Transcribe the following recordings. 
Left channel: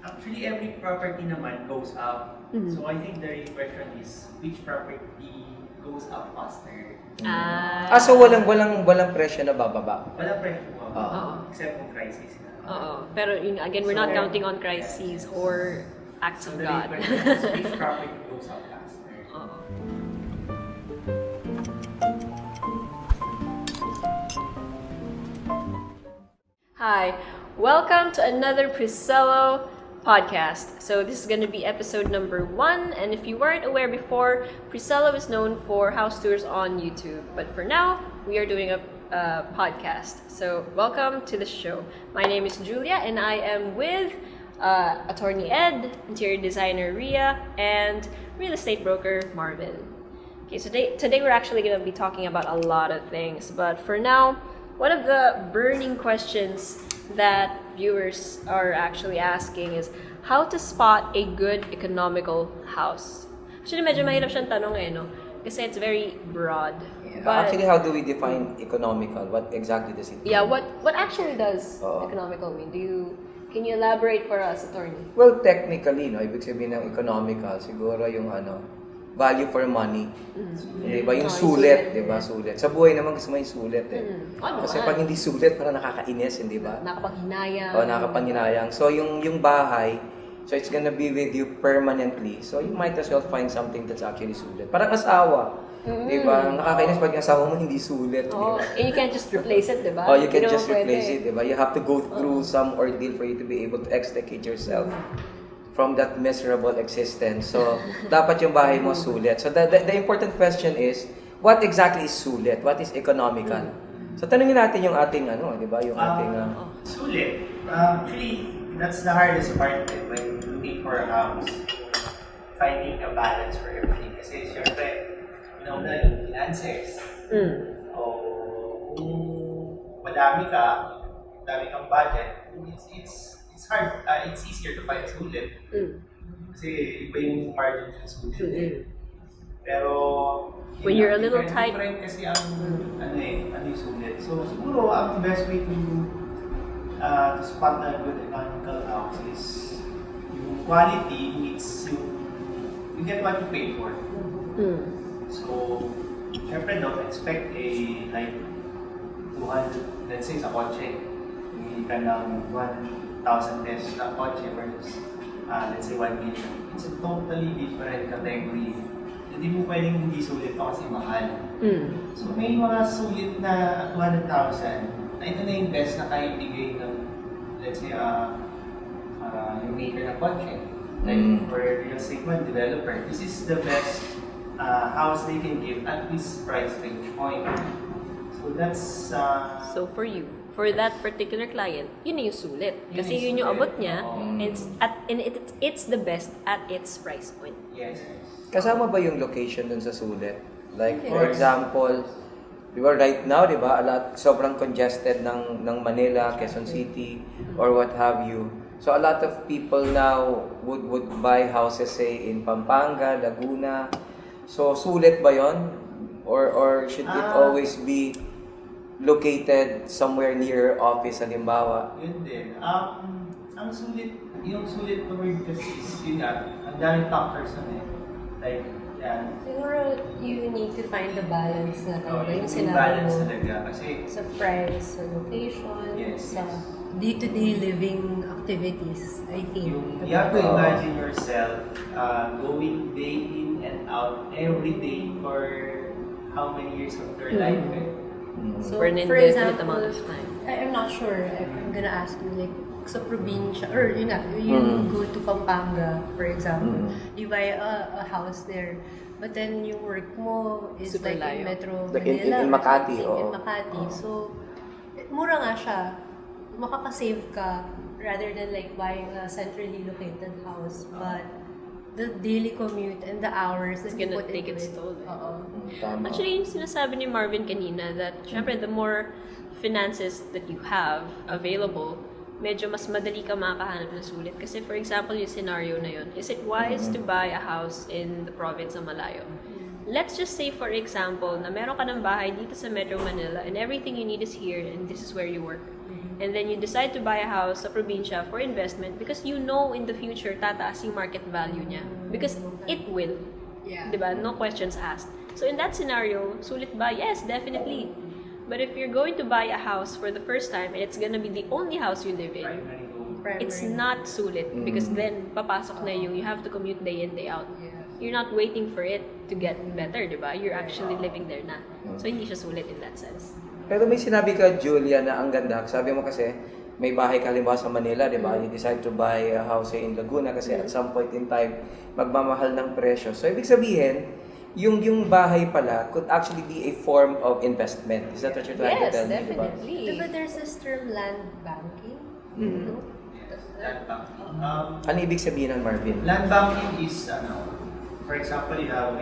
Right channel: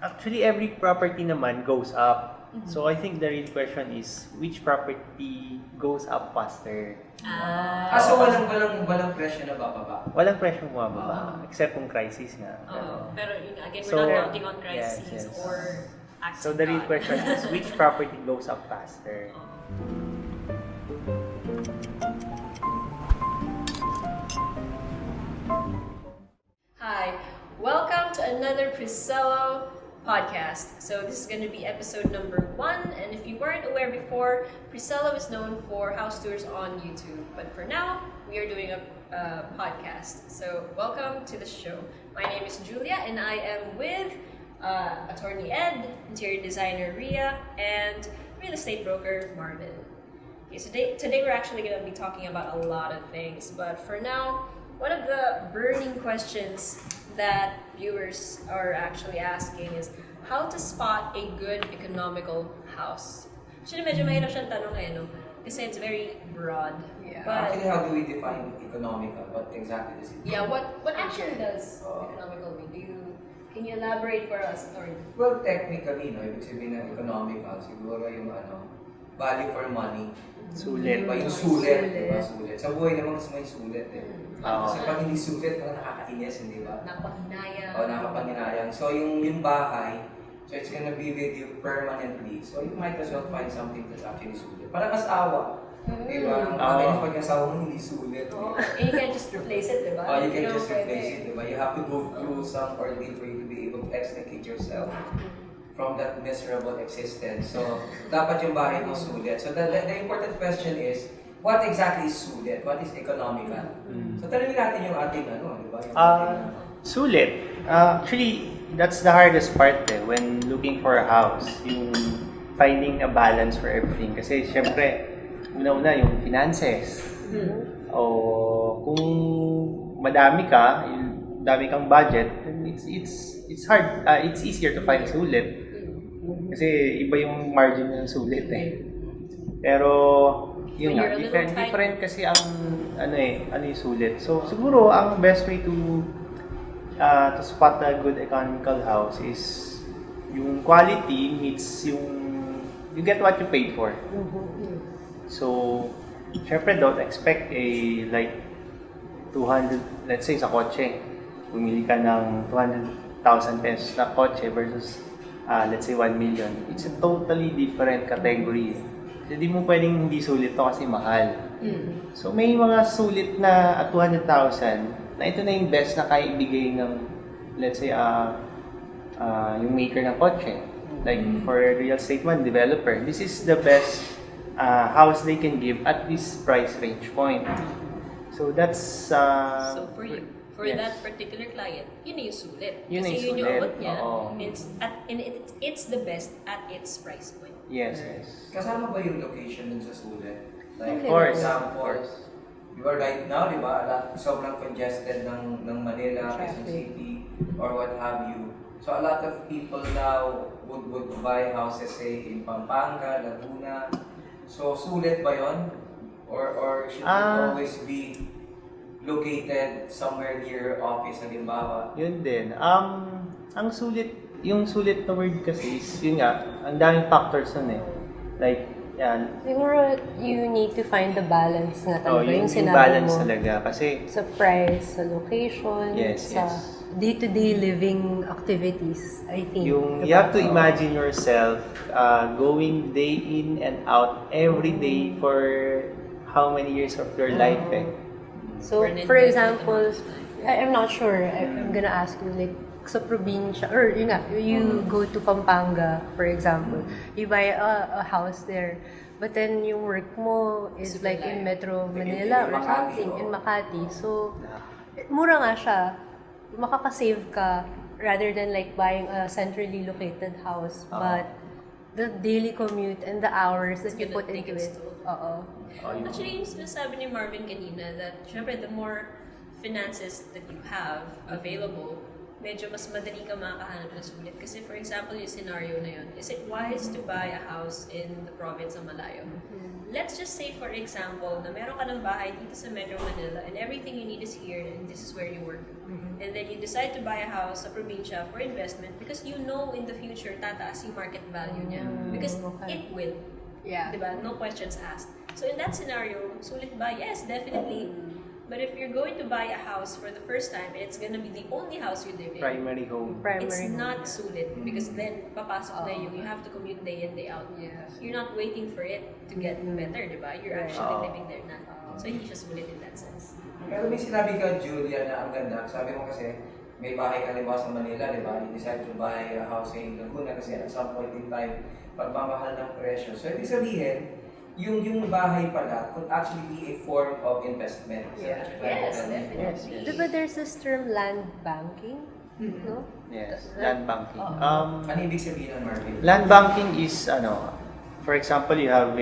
Actually, every property naman goes up. So I think the real question is, which property goes up faster? So walang presyo na bababa. Walang presyo except kung crisis na. Pero again, we're not counting on crises or acts So of the real God. question is, which property goes up faster? Hi, welcome to another Presello podcast. So this is going to be episode number 1, and if you weren't aware before, Presello is known for house tours on YouTube, but for now, we are doing a podcast. So welcome to the show. My name is Julia, and I am with attorney Ed, interior designer Ria, and real estate broker Marvin. Okay, so today we're actually going to be talking about a lot of things, but for now, one of the burning questions that viewers are actually asking is how to spot a good economical house. Actually, medyo mahirap siyang tanong no? Kasi it's very broad. Yeah. But, Actually, how do we define economical? What exactly does it mean? yeah, what actually does economical mean? Can you elaborate for us, attorney? Well, technically, no, ibig sabihin ng economical, siguro yung value for money. Sulit. Diba? Yung sulit, diba? Sulit. Sa buhay naman gusto mo yung sulit Kasi pag hindi sulit, parang nakakainis, hindi ba? Nakapanghinayang. Nakapanghinayang. So, yung bahay, so it's gonna be with you permanently. So, you might as well find something that's actually sulit. Parang asawa. Diba? Nakakainis pag yung asawa mo hindi sulit. And you can't just replace it, diba? You can just replace it, diba? You have to go through some ordeal for you to be able to extricate yourself from that miserable existence. So, dapat yung bahay mo sulit. So, the important question is, what exactly is sulit? What is economical? So, tanungin natin yung ating di ba? Yung ating... Sulit. Actually, that's the hardest part when looking for a house. Yung finding a balance for everything. Kasi, syempre, una yung finances. O kung madami kang budget, it's hard. It's easier to find sulit. Kasi iba yung margin ng sulit Pero when you're a little tight, different kasi ang yung sulit. So siguro ang best way to spot a good economical house is yung quality meets you get what you paid for. So syempre don't expect like 200, let's say sa kotse, bumili ka ng 200,000 pesos na kotse versus let's say 1 million. It's a totally different category. Hindi mo pwedeng hindi sulit to kasi mahal. So may mga sulit na 200,000 na ito na yung best na kaya ibigay ng, let's say, yung maker ng kotse. Like for real estate man, developer, this is the best house they can give at this price range point. So that's... so for you, for that particular client, yun yung sulit. Yun Kasi yun yung abot niya, and it's the best at its price point. Yes. Kasama ba yung location dun sa sulit? Like, for example, diba right now, diba, sobrang congested ng Manila, Quezon City, or what have you. So a lot of people now would buy houses, say, in Pampanga, Laguna. So, sulit ba yon? Or should it always be located somewhere near office, halimbawa? Yun din. Yung sulit na word kasi is, yun nga, ang daming factors nun Like, yan. Siguro, you need to find the balance na talaga, yung yung sinabi balance mo. talaga. Kasi, Sa price, sa location, sa day-to-day living activities, I think. you have to imagine yourself going day in and out every day for how many years of your life So, For an for indefinite example, amount of time. I'm not sure, I'm gonna ask you, like, sa probinsya, or yun nga, you go to Pampanga, for example, you buy a house there, but then yung work mo is Super like in layo. Metro Like Manila in or Makati, something, in Makati. So, mura nga siya. Makakasave ka rather than like buying a centrally located house, but the daily commute and the hours that you gonna put take into its it. toll. Actually, Actually, yung sinasabi ni Marvin kanina that syempre the more finances that you have available, medyo mas madali ka makakahanap ng sulit. Kasi for example, yung scenario na yun, is it wise to buy a house in the province of Malayo? Let's just say for example, na meron ka ng bahay dito sa Metro Manila and everything you need is here and this is where you work. And then you decide to buy a house sa probinsya for investment because you know in the future tataas yung market value niya. Because it will. Yeah. Diba? No questions asked. So in that scenario, sulit ba? Yes, definitely. But if you're going to buy a house for the first time and it's gonna be the only house you live in, Primary home. it's not sulit because then papasok na yung you have to commute day in, day out. Yes. You're not waiting for it to get better, diba? You're actually living there na. So hindi siya sulit in that sense. Pero may sinabi ka, Julia, na ang ganda. Sabi mo kasi, may bahay ka halimbawa sa Manila, di ba? You decide to buy a house in Laguna kasi at some point in time, magmamahal ng presyo. So, ibig sabihin, yung bahay pala could actually be a form of investment. Is that what you're trying to Yes, tell me, definitely. Diba there's this term land banking? No? Yes, land banking. Ano ibig sabihin ng Marvin? Land banking is, for example, you have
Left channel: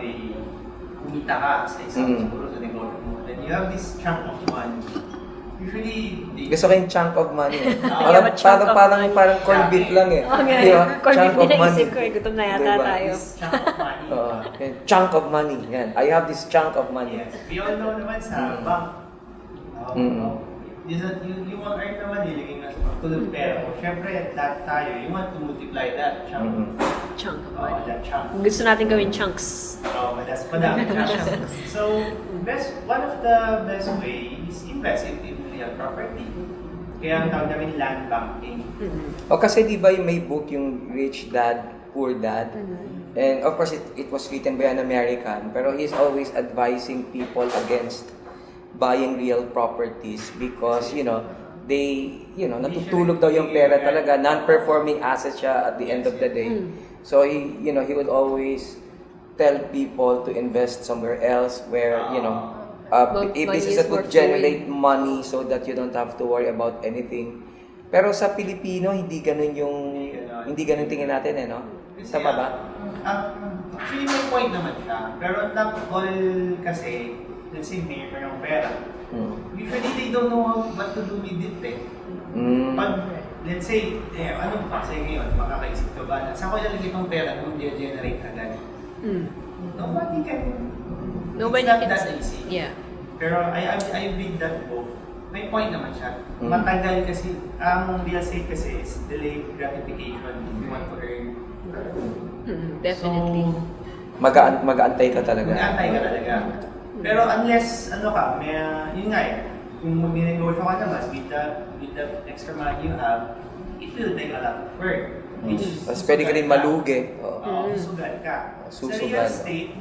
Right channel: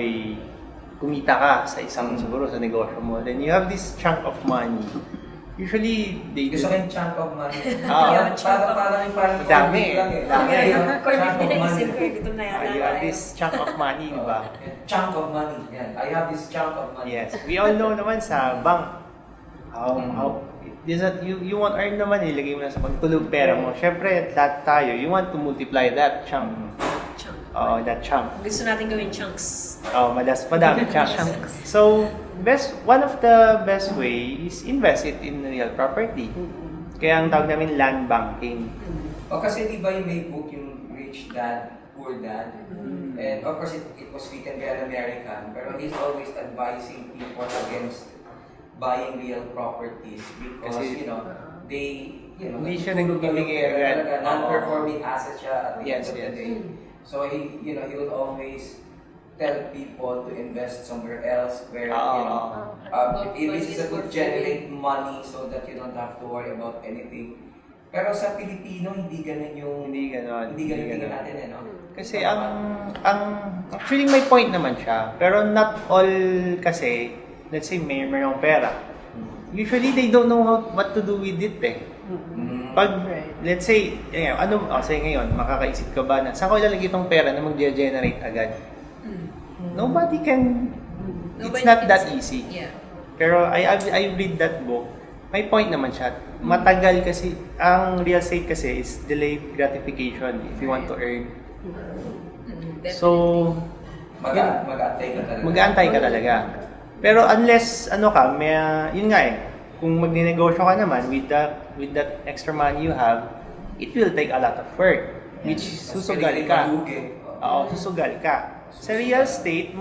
kumita ka sa isang siguro sa negosyo mo. Then you have this chunk of money. Usually, they Gusto ko yung chunk of money. You have a chunk of money. Parang corned beef lang eh. Okay, Di ba? corned beef Chunk of din money. naisip ko eh. Gutom na yata Diba? tayo. this chunk of money, di ba? Chunk of money. Yan. I have this chunk of money. Yes. We all know naman sa bank, you want earn naman, ilagay mo na sa pagtulog pera mo. Syempre, tayo, you want to multiply that chunk. Chunk. That chunk. Gusto natin gawin chunks. Madami chunks. So, one of the best way is invest it in real property. Kaya ang tawag namin land banking. O kasi di ba yung may book yung Rich Dad, Poor Dad? And of course, it was written by an American, pero he's always advising people against buying real properties because, Hindi siya natutulog daw yung pera nagbibigay talaga, rent. non-performing asset siya at the end of the day. So he would always tell people to invest somewhere else where, if Money this is is a good worth generate money so that you don't have to worry about anything. Pero sa Pilipino, hindi ganun tingin natin no? Kasi Tama ba? actually may point naman siya. Pero not all kasi, let's say mayroong pera. Usually they don't know what to do with it eh. Pag, let's say, say ngayon, makakaisip ka ba na, saan ko ilalagay itong pera na mag-generate agad? Nobody can, Nobody it's not can that see. easy. Yeah. Pero I read that book, may point naman siya. Matagal kasi, ang real estate kasi is delayed gratification if you want to earn. Definitely. So, Mag-aantay ka talaga. mag-aantay ka talaga. Pero unless, yun nga eh, kung magninegosyo ka naman with that extra money you have, it will take a lot of work. Which Tapos pwede ka rin malugi. susugal ka. Sa real estate,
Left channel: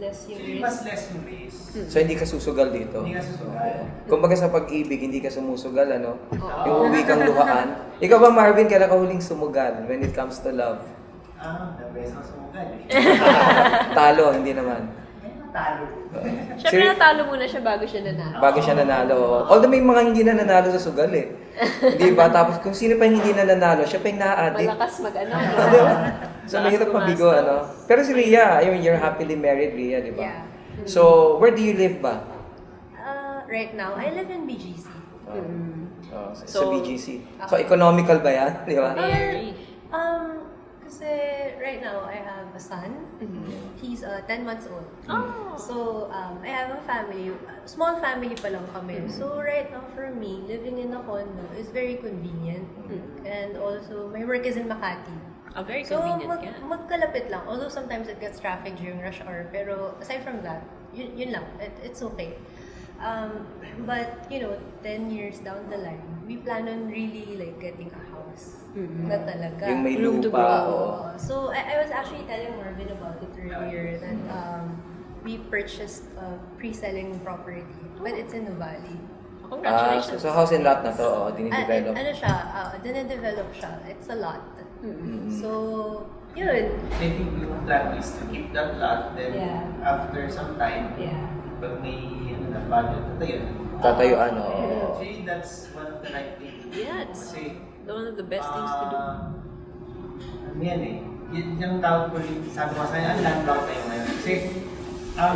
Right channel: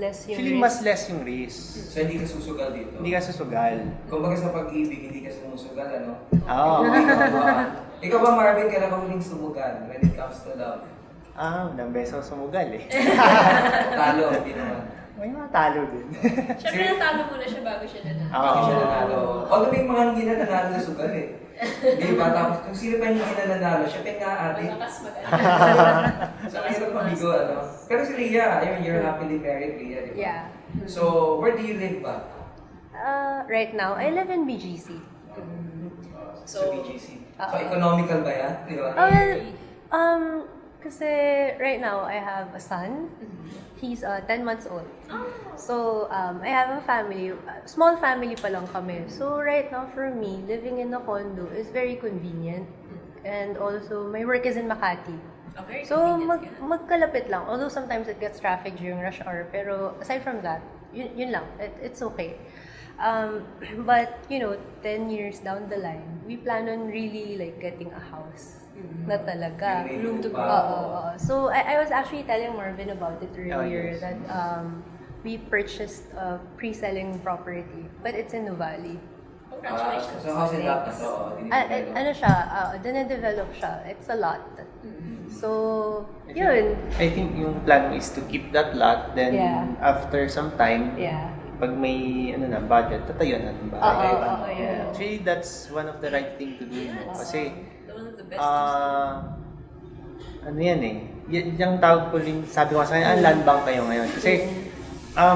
Less yung actually risk. mas less yung risk. So hindi ka susugal dito. Hindi ka susugal. Kumbaga sa pag-ibig, hindi ka sumusugal, ano? Oo. Uuwi kang luhaan. Ikaw ba, Marvin, kailan ka huling sumugal when it comes to love? Nang beso sumugal eh. Talo, hindi naman. May mga talo din. Siyempre natalo muna siya bago siya nanalo. Bago siya nanalo. Although may mga hindi na nanalo sa sugal eh. Di ba? Tapos kung sino pa yung hindi na nanalo, siya pa yung na-addict. Malakas mag-ano. So mahirap mabigo, ano? Pero si Rhea, you're happily married, Rhea, di ba? Yeah. So, where do you live ba? Right now, I live in BGC. Sa So, BGC. So, economical ba yan? Di ba? Very. Kasi right now, I have a son. He's 10 months old. So, I have a family. Small family pa lang kami. So, right now, for me, living in a condo is very convenient. And also, my work is in Makati. Very So, convenient ka. magkalapit lang. Although sometimes it gets traffic during rush hour. Pero aside from that, yun lang. It's okay. But, 10 years down the line, we plan on really like getting a house. Na talaga. Yung may Room to lupa. grow. Oo. So, I was actually telling Marvin about it earlier that we purchased a pre-selling property. But it's in Nuvali. Congratulations. So, house and lot na to, dinidevelop. Ano siya? Dine-develop siya. It's a lot. So, yun. I think yung plan mo is to keep that lot, then Yeah. after some time, Yeah. pag may budget, tatayuan natin ba? Tatayuan. Oo, yeah. Actually, that's one of the right thing to do. Yeah, it's Kasi, one of the best things to do. ano yan eh, yung tawag ko rin, sabi ko sa kanya, land bank kayo ngayon. Kasi,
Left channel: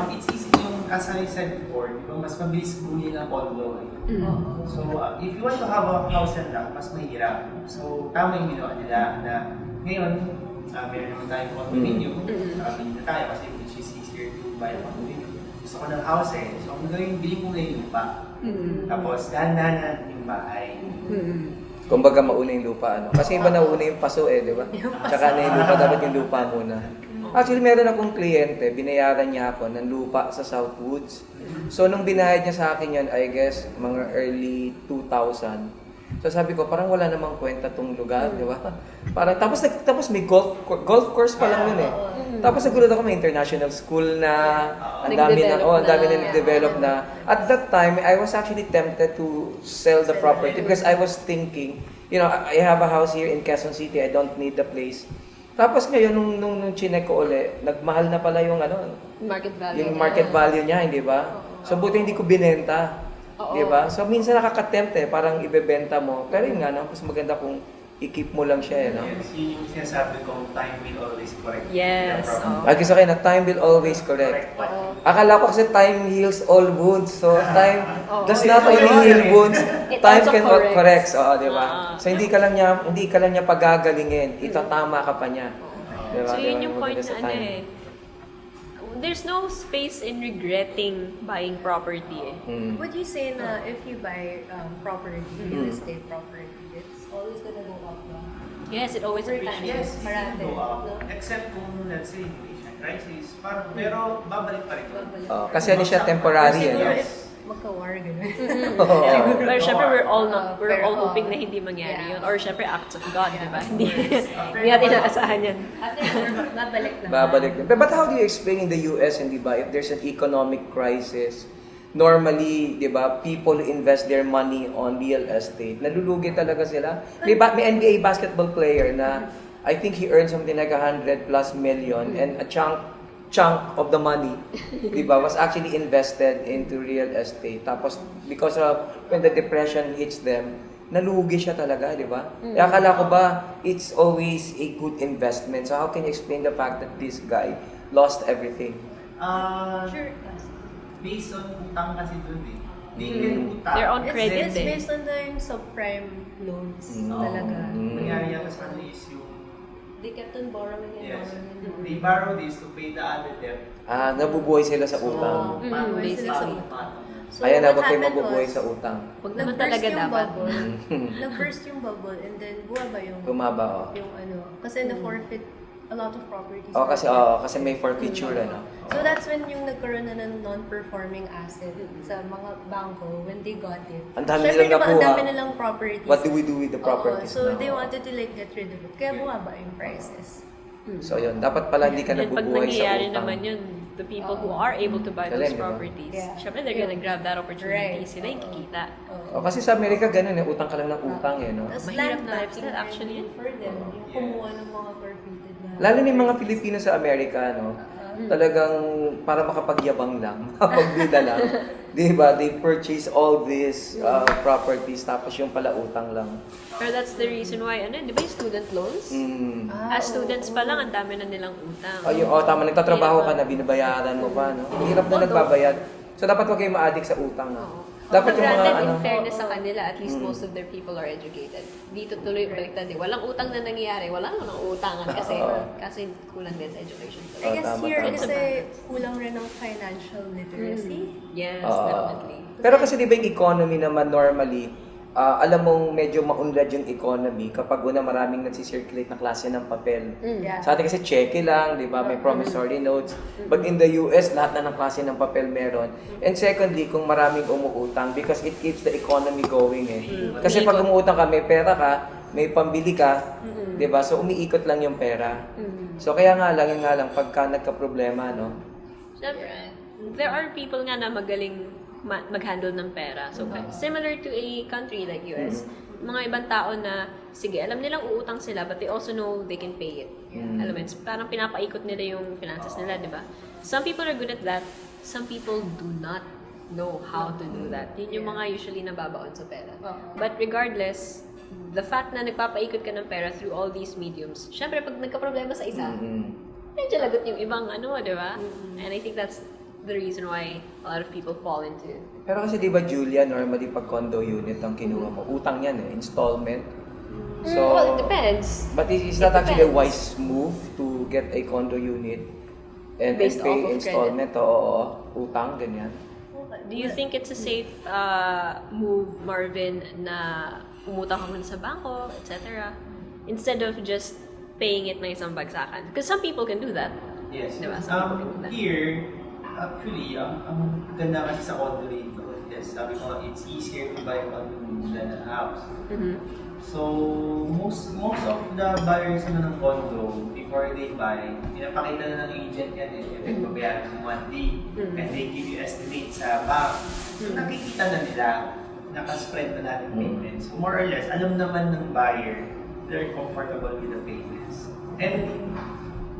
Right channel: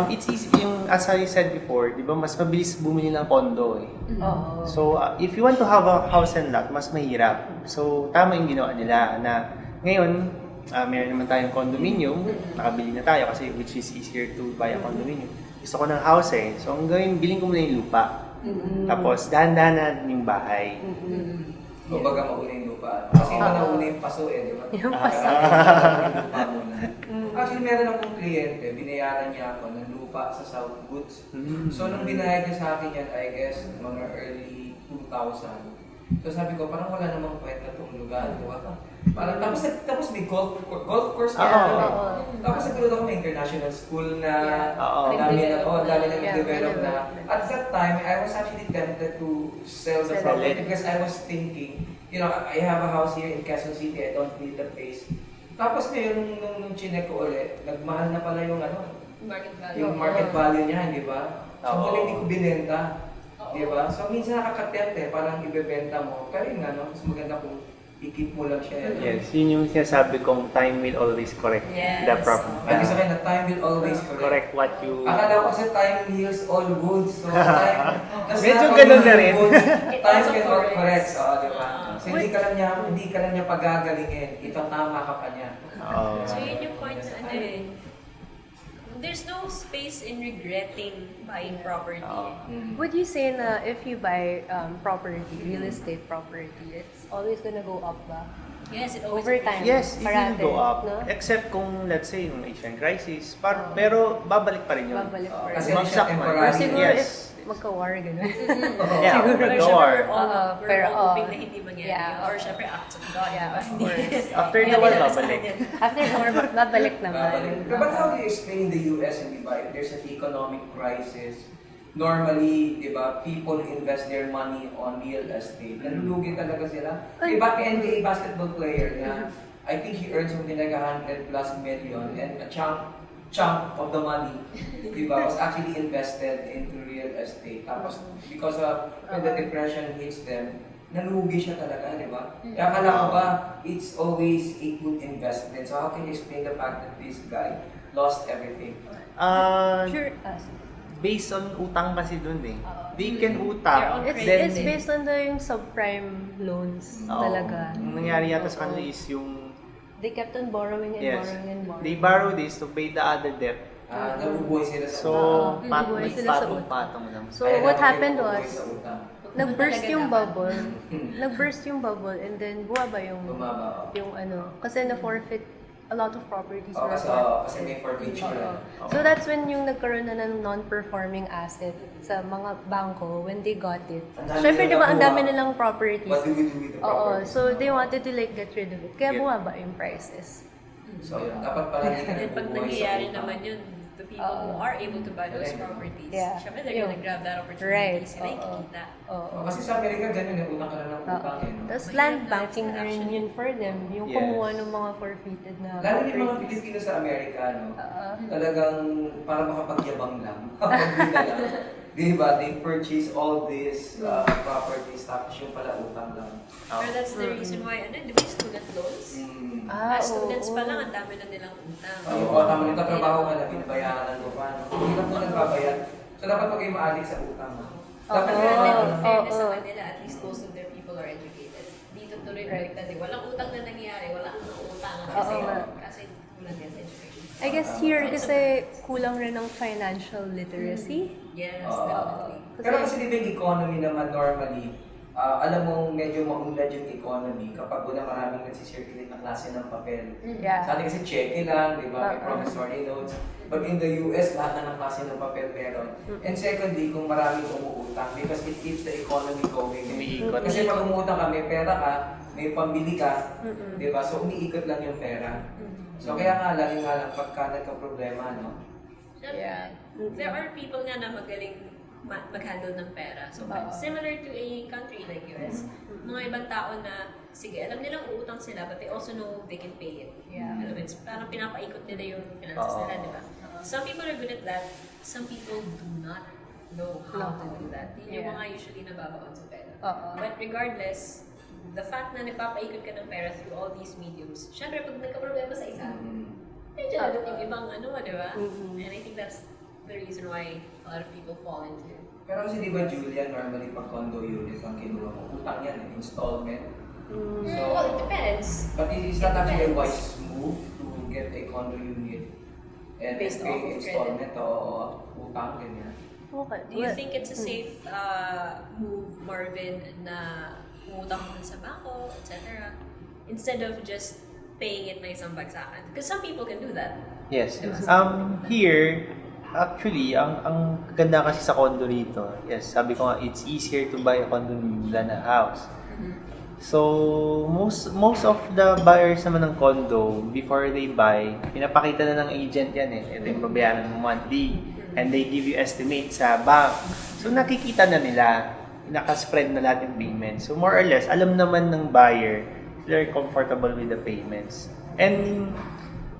it's easy yung, as I said before, di ba, mas mabilis bumili ng condo eh. Oo. So, if you want to have a house and lot, mas mahirap. So, tama yung ginawa nila na ngayon, meron naman tayong condominium, nakabili na tayo kasi which is easier to buy a condominium. Gusto ko ng house eh. So, ang gawin, bilhin ko muna yung lupa. Tapos, dahan-dahan yung bahay. Kumbaga mauna yung lupa. Ano? Kasi iba nauna yung paso di ba? Tsaka hindi pa dapat yung lupa muna. Actually, meron akong kliyente, binayaran niya ako ng lupa sa Southwoods. So, nung binayad niya sa akin yan, I guess, mga early 2000. So, sabi ko, parang wala namang kwenta tong lugar, di ba? Parang, tapos may golf course pa lang yun Tapos nagulat ako may international school na, ang dami na nag-develop na. At that time, I was actually tempted to sell the property because I was thinking, I have a house here in Quezon City, I don't need the place. Tapos ngayon, nung chinek ko ulit, nagmahal na pala yung Market value. yung market value niya, hindi ba? So, buti hindi ko binenta. Di ba? So, minsan nakaka-tempt parang ibebenta mo. Pero yun nga, mas maganda kung i-keep mo lang siya. Yes, yun yung sinasabi kong time will always correct the problem. Lagi sa akin na time will always correct. What you... Akala ko kasi time heals all wounds. So, time does Medyo not ganun heal rin. wounds. Time also can corrects. correct. Di ba? So, hindi ka lang niya pagagalingin. Itatama ka pa niya. Diba? So yun yung point na there's no space in regretting buying property Would you say na if you buy property, real estate property, it's always gonna go up ba? Yes, it always Over appreciates. time. Yes, it Parate, will go up. no? Except kung, let's say, yung Asian crisis. Pero babalik pa rin yun. Babalik pa rin. Kasi ano siya, Bagsak man. temporary. Or siguro Yes. if magka-war, gano'n. Yeah, Pero syempre, we're all pero, hoping na hindi mangyari yun. Or syempre, acts of God, di ba? Hindi After natin naman, inaasahan yan. After the war, babalik naman. Babalik. But how do you explain in the US, hindi ba, if there's an economic crisis, normally, di ba, people invest their money on real estate. Nalulugi talaga sila. May NBA basketball player na I think he earned something like 100 plus million and a chunk of the money, di ba, was actually invested into real estate. Tapos, because of when the depression hits them, nalugi siya talaga, di ba? Kaya akala ko ba, it's always a good investment. So how can you explain the fact that this guy lost everything? Sure. Based on utang kasi dun They can utang. They're on credit. It's based on yung subprime loans talaga. Nangyari yata sa kanila is yung They kept on borrowing and yes, borrowing and borrowing. they borrow this to pay the other debt. Nabubuhay sila sa So, utang. Buhay sila sa utang. patong lang. So Ayan what naman kayo happened mabubuhay was, sa utang. nag-burst talaga yung dapat. bubble. Nag-burst yung bubble and then bumaba yung Bumaba, yung kasi na-forfeit a lot of properties. Oh, were kasi may forfeiture So that's when yung nagkaroon na ng non-performing asset sa mga bangko when they got it. Ang dami Syempre, nilang diba, ang nakuha. dami nilang properties. What do we do with the property? So they wanted to get rid of it. Kaya bumaba yung prices. So yun, dapat pala hindi ka And pag nabubuhay sa nangyayari utang. naman yun, the people who are able to buy those Galing, no? properties, Yeah. syempre they're gonna grab that opportunity. Right. Sila yung kikita. Kasi sa Amerika ganun utang ka lang ng utang no? Tapos Mahirap land na banking actually actually yun for them. Yung Yes. kumuha ng mga forfeited na Lalo na yung mga properties. Pilipino sa Amerika, talagang para makapagyabang lang, makapagbida lang. Di ba? They purchase all these properties tapos yung pala utang lang. Pero that's the reason why, di ba yung student loans? As students pa lang, ang dami na nilang utang. Tama, nagtatrabaho ka na, binabayaran mo pa, no? Ang hirap na nagbabayad. So, dapat huwag kayong ma-addict sa utang. Dapat But granted, in yung fairness sa kanila, at least most of their people are educated. Dito tuloy baliktad walang utang na nangyayari, wala nang utangan kasi kulang din sa education. I guess Tama, here tama. kasi kulang rin ng financial literacy. Yes, Oo. definitely. Pero kasi di ba yung economy naman normally, alam mong medyo maunlad yung economy kapag maraming nagsisirculate na klase ng papel. Yeah. Sa atin kasi cheque lang, di ba? May promissory notes. But in the US, lahat na ng klase ng papel meron. And secondly, kung maraming umuutang because it keeps the economy going. Kasi pag umuutang ka, may pera ka, may pambili ka, di ba? So umiikot lang yung pera. So kaya nga lang, pagka nagka-problema, no? Siyempre, there are people nga na magaling mag-handle ng pera. So, similar to a country like US, mga ibang tao na, sige, alam nilang uutang sila, but they also know they can pay it. Alam mo, parang pinapaikot nila yung finances nila, di ba? Some people are good at that. Some people do not know how to do that. Yun yung mga usually nababaon sa pera. But regardless, the fact na nagpapaikot ka ng pera through all these mediums, syempre, pag nagka-problema sa isa, medyo lagot yung ibang di ba? And I think that's the reason why a lot of people fall into it. Pero kasi di ba, Julia, normally pag condo unit ang kinuha mo, utang yan installment. So, Well, it depends. but is It that actually a depends. wise move to get a condo unit and Based pay off of installment o utang, ganyan? Okay. Do you think it's a safe move, Marvin, na umutang ka muna sa bangko, etc. instead of just paying it ng isang bagsakan? Because some people can do that. Yes. Diba? Some people can do that. Here, actually, ang ganda kasi sa condo rito, yes, sabi ko nga, it's easier to buy a condo than a house. Mhm. So, most of the buyers naman ng condo, before they buy, pinapakita na ng agent yan eh. And then, babayaran mo monthly. And they give you estimate sa bank. So, nakikita na nila, nakaspread na lahat yung payments. So, more or less, alam naman ng buyer, they're comfortable with the payments. And,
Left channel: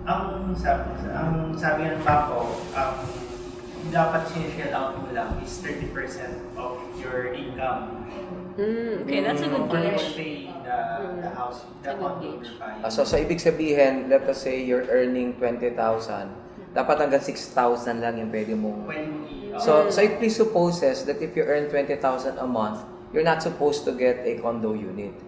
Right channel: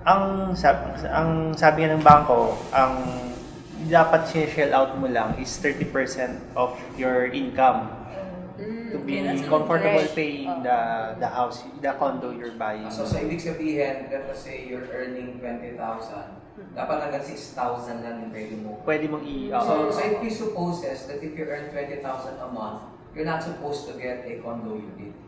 ang sabi nga ng bangko, ang dapat shell out mo lang is 30% of your income. Okay, that's a good Comfortable cash. paying the house, the condo you're buying. So ibig sabihin, let us say you're earning 20,000, dapat hanggang 6,000 lang yung pwede mo. Pwede mong So it presupposes that if you earn 20,000 a month, you're not supposed to get a condo unit.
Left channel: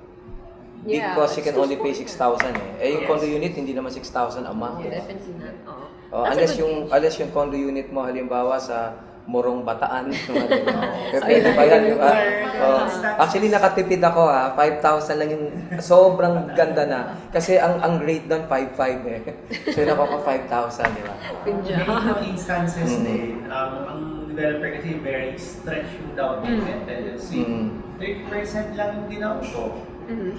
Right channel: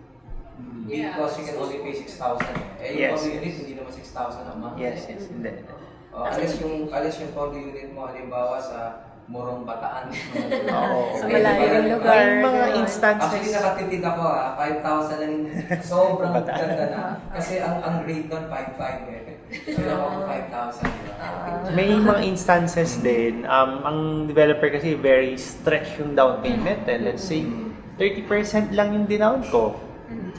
Yeah, Because you can it's only pay 6,000 eh. Yung Yes. condo unit, hindi naman 6,000 a month. Yes. Definitely not. Oo. Unless That's a good unless yung condo unit mo halimbawa sa Morong Bataan. Sa malaking lugar. Mga instances. Actually, nakatipid ako 5,000 lang yung sobrang ganda na. Kasi ang rate doon 5,500 eh. So, yun ako 5,000, di ba? May mga instances din, ang developer kasi very stretch yung down payment. And let's say, 30% lang yung dinown ko.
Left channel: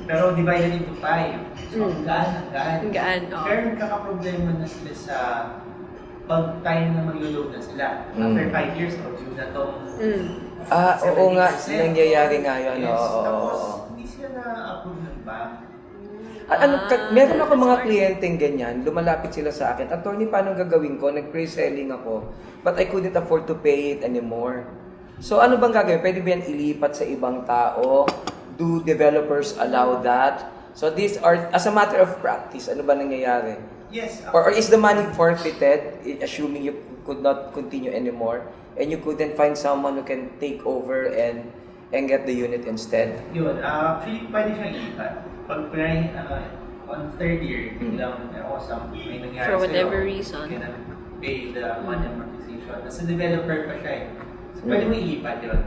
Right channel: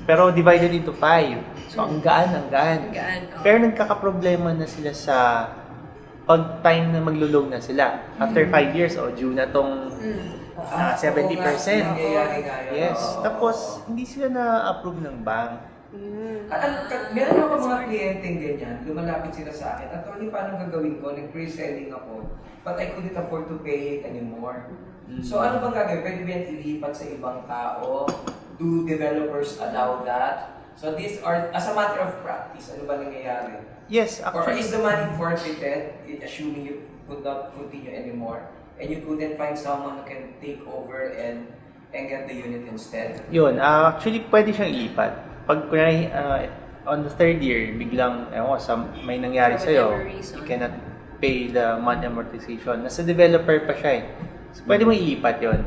Pero divided into 5. So, ang gaan. Ang gaan, oo. Pero nagkakaproblema na sila sa pag time na maglo-loan na sila. After 5 years, due na tong Oo nga, 70%. nangyayari nga yun. Yes. Oo. Tapos, hindi sila na-approve ng bank. Meron ako that's mga hard. kliyenteng ganyan, lumalapit sila sa akin, Attorney, paano gagawin ko? Nag-pre-selling ako, but I couldn't afford to pay it anymore. So ano bang gagawin? Pwede ba yan ilipat sa ibang tao? Do developers allow that? So these are, as a matter of practice, ano ba nangyayari? Yes. Or is the money forfeited, assuming you could not continue anymore, and you couldn't find someone who can take over and get the unit instead? Yun, actually pwede siyang ilipat. Pag kunwari, on the third year, biglang, may nangyari For sa'yo, whatever reason. you cannot pay the money amortization. Nasa developer pa siya eh. So, pwede mo ilipat yun.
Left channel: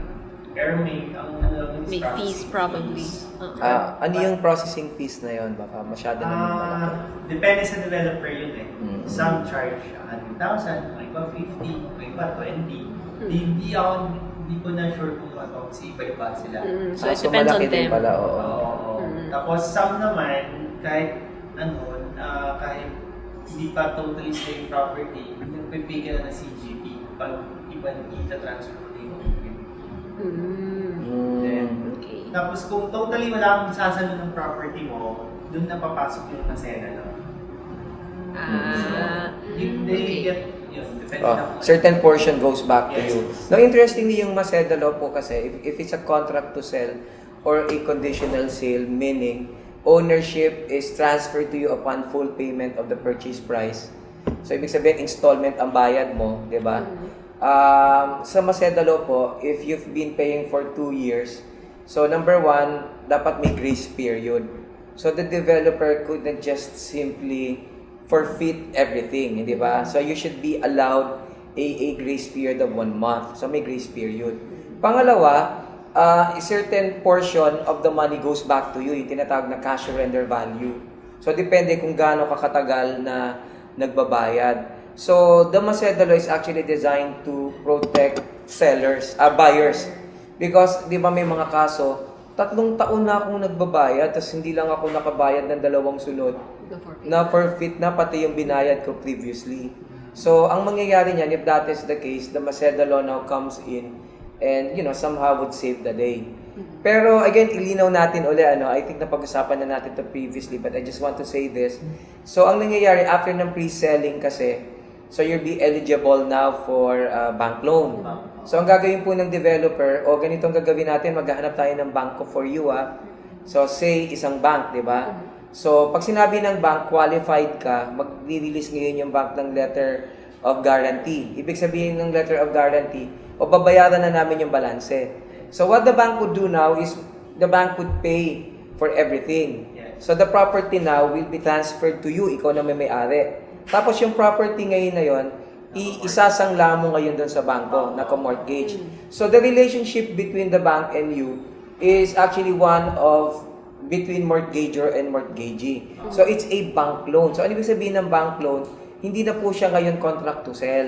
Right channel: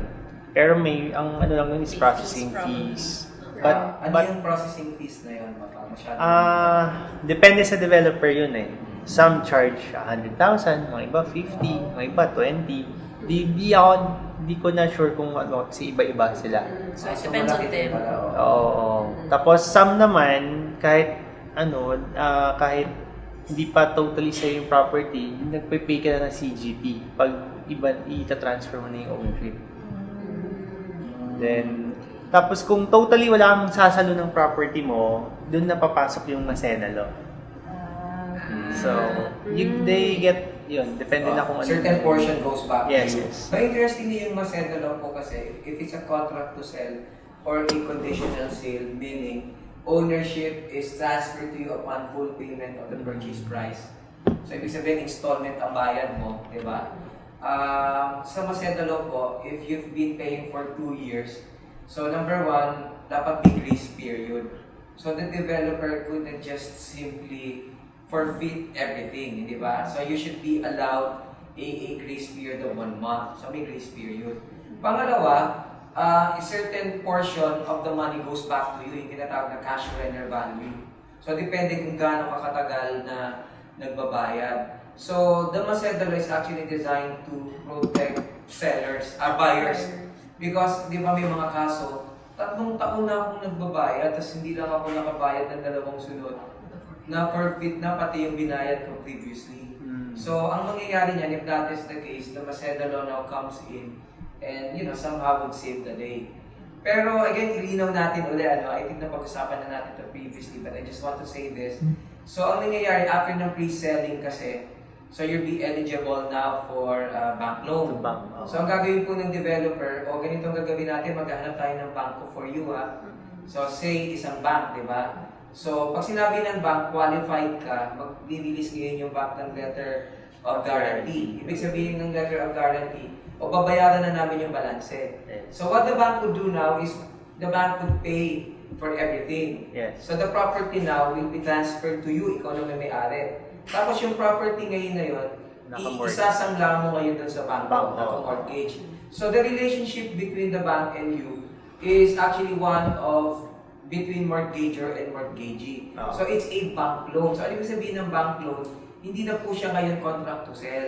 Pero ang ano lang yun is May processing fees probably. fees. Ano But- yung processing fees na yun? Baka masyado na. Depende sa developer yun eh. Some charge 100,000, mga iba 50, mga iba 20. Di ko na sure kung ano, kasi iba-iba sila. So it depends on malaki din them. pala, oo. Oo. Tapos some naman, kahit kahit hindi pa totally sa'yo yung property, nagpe-pay ka na ng CGT pag ita-transfer mo na yung ownership. Then, Okay. tapos kung totally wala kang sasalo ng property mo, doon na papasok yung masenalo. So, they get yun, depende na kung ano. Certain portion goes back Yes, to you. yes. Now, interestingly, yung Maseda law po kasi, if it's a contract to sell or a conditional sale, meaning ownership is transferred to you upon full payment of the purchase price. So, ibig sabihin, installment ang bayad mo, di ba? Sa Maseda law po, if you've been paying for 2 years, so number 1, dapat may grace period. So, the developer couldn't just simply forfeit everything, hindi ba? So you should be allowed a grace period of 1 month. So may grace period. Pangalawa, a certain portion of the money goes back to you, yung tinatawag na cash surrender value. So depende kung gaano kakatagal na nagbabayad. So the Maseda law is actually designed to protect buyers. Because di ba may mga kaso, 3 taon na akong nagbabayad, tapos hindi lang ako nakabayad ng 2 sunod. Na forfeit na pati yung binayad ko previously. So, ang mangyayari niyan, if that is the case, the Maseda law now comes in and, somehow would save the day. Pero, again, ilinaw natin uli, I think napag-usapan na natin to previously, but I just want to say this. So, ang nangyayari after ng pre-selling kasi, so you'll be eligible now for bank loan. So, ang gagawin po ng developer, ganito ang gagawin natin, maghahanap tayo ng banko for you, So, say, isang bank, di ba? So, pag sinabi ng bank, qualified ka, mag-release ngayon yung bank ng letter of guarantee. Ibig sabihin ng letter of guarantee, babayaran na namin yung balanse. So, what the bank would do now is, the bank would pay for everything. Yes. So, the property now will be transferred to you, ikaw na may-ari. Tapos, yung property ngayon na yon, isasangla mo ngayon dun sa bangko, naka-mortgage. So the relationship between the bank and you is actually one of between mortgager and mortgagee. So it's a bank loan. So ano ibig sabihin ng bank loan? Hindi na po siya ngayon contract to sell.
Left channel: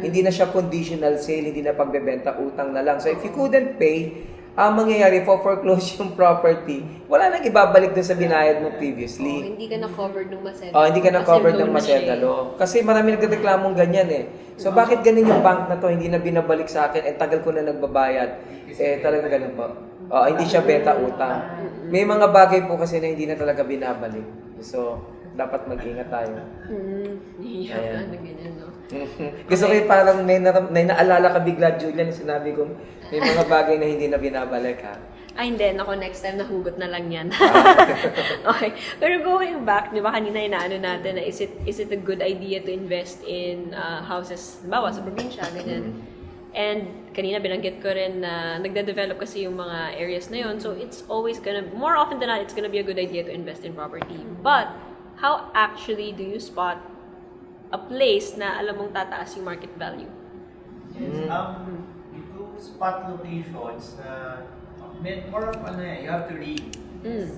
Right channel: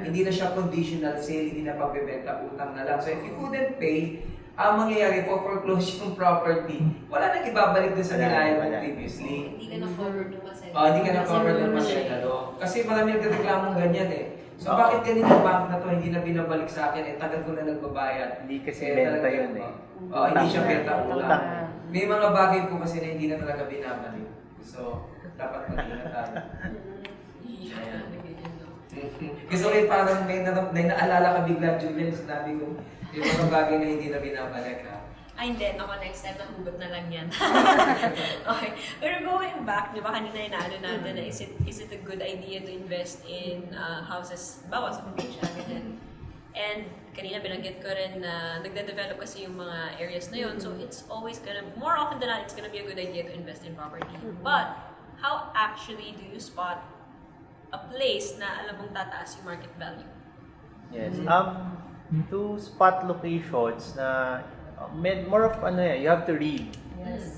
Hindi na siya conditional sale, hindi na pagbebenta, utang na lang. So if you couldn't pay, ang mangyayari, foreclose yung property, wala nang ibabalik dun sa binayad mo previously. Hindi ka na-covered ng masenta. Hindi ka na-covered ng masenta law. Kasi marami nagreklamong ganyan eh. So bakit ganun yung bank na to, hindi na binabalik sa akin, tagal ko na nagbabayad. Hindi kasi Talagang benta ganun yun po. Hindi siya benta utang. May mga bagay po kasi na hindi na talaga binabalik. So, dapat mag-ingat tayo. Iyak na ganyan, no? Gusto ko yung parang may naalala ka bigla, Julian, sinabi ko, may mga bagay na hindi na binabalik ha. Ay, hindi. Ako, next time, nahugot na lang yan. Okay. Pero going back, di ba kanina inaano natin na is it a good idea to invest in houses, bawa sa probinsya, ganyan. And kanina binanggit ko rin na nagde-develop kasi yung mga areas na yon. So it's always gonna, more often than not, it's gonna be a good idea to invest in property. But, how actually do you spot a place na alam mong tataas yung market value? Yes. To spot locations na more of you have to read. News.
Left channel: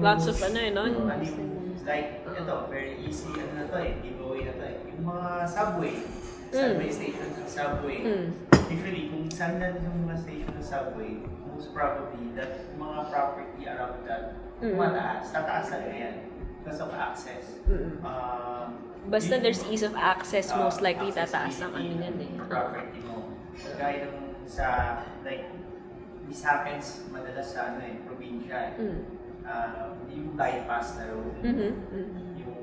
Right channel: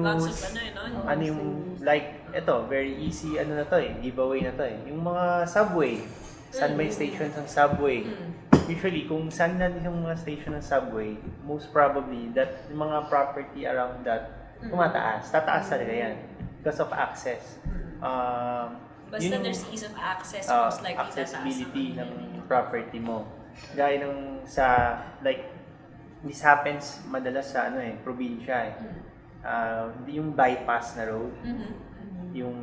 Lots of no? Ano yung, like, ito, very easy, na to giveaway na to Yung mga subway, saan may stations ng subway. Usually, kung saan na yung mga station ng subway, most probably, that yung mga property around that, tataas talaga yan. Because of access. Basta there's ease of access, most likely tataas ang ano yan property mo. Gaya nung sa, like, this happens madalas sa probinsya yung bypass na road. Yung,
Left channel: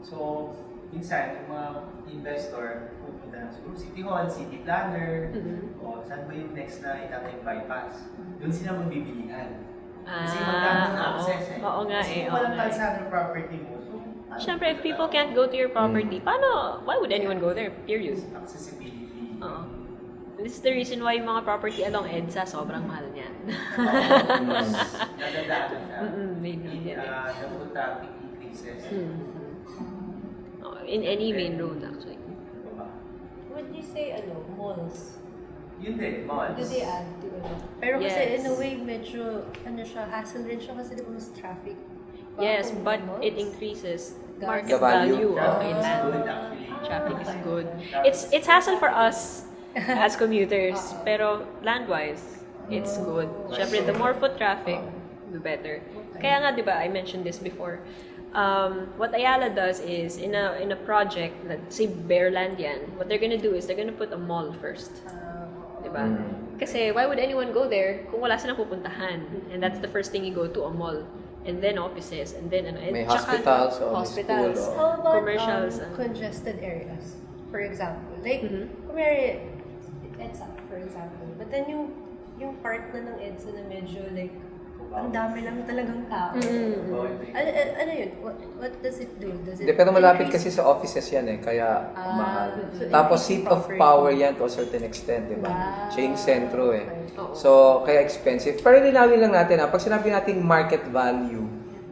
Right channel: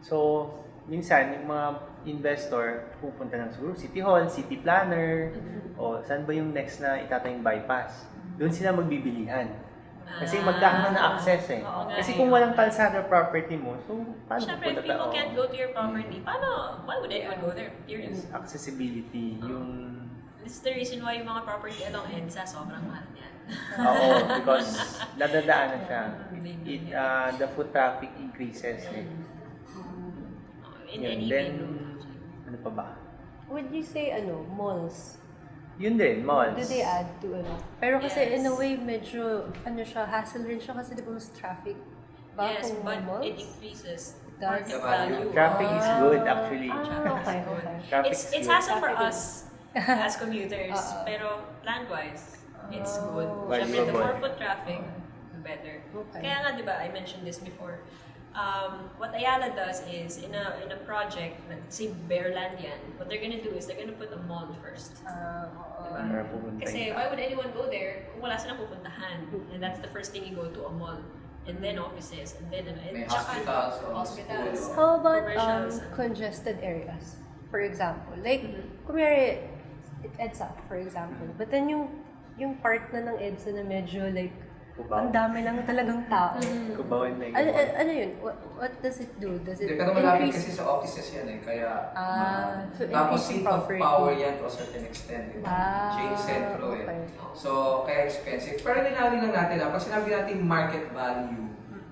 so, minsan, yung mga investor pupunta ng siguro City Hall, City Planner, o saan ba yung next na itatayong bypass? Doon sila magbibilihan. Kasi magdaan na access Oo nga Kasi kung walang kalsada property mo, so paano? Siyempre, if people can't go to your property, why would anyone go there? Period. Accessibility. This is the reason why yung mga property along EDSA, sobrang mahal niyan. Because nadadaanan siya. The foot traffic increases. In any main road, actually. Ano pa ba? Would you say, malls? Yun din, malls. Do they add to Pero kasi Yes. in a way, medyo, hassle rin siya kasi di ba mas traffic. Yes, Kung but malls? it increases Does. market The value. value. Traffic is of good land. actually. Traffic is Okay, good. okay. Traffic It's is good. hassle for us as commuters, pero land-wise, it's good. Right. Siyempre, the more foot traffic, the better. Okay. Kaya nga, di ba, I mentioned this before. What Ayala does is, in a project, let's say Bearland yan, what they're gonna do is they're gonna put a mall first. Diba? Kasi why would anyone go there kung wala silang pupuntahan? And that's the first thing you go to, a mall. And then offices, and then and May tsaka hospitals, may hospitals. school, How about Commercials, congested areas? For example, like, kumari, EDSA, for example. But then yung part na ng EDSA na medyo like, ang dami lang talagang tao. Ano yun? What does it do? Does it Pero malapit increase- kasi sa offices yan kaya mahal. so Tapos increasing seat of property. power yan to a certain extent, di ba? Chain sentro okay. So, kaya expensive. Pero linawin lang natin pag sinabi natin market value,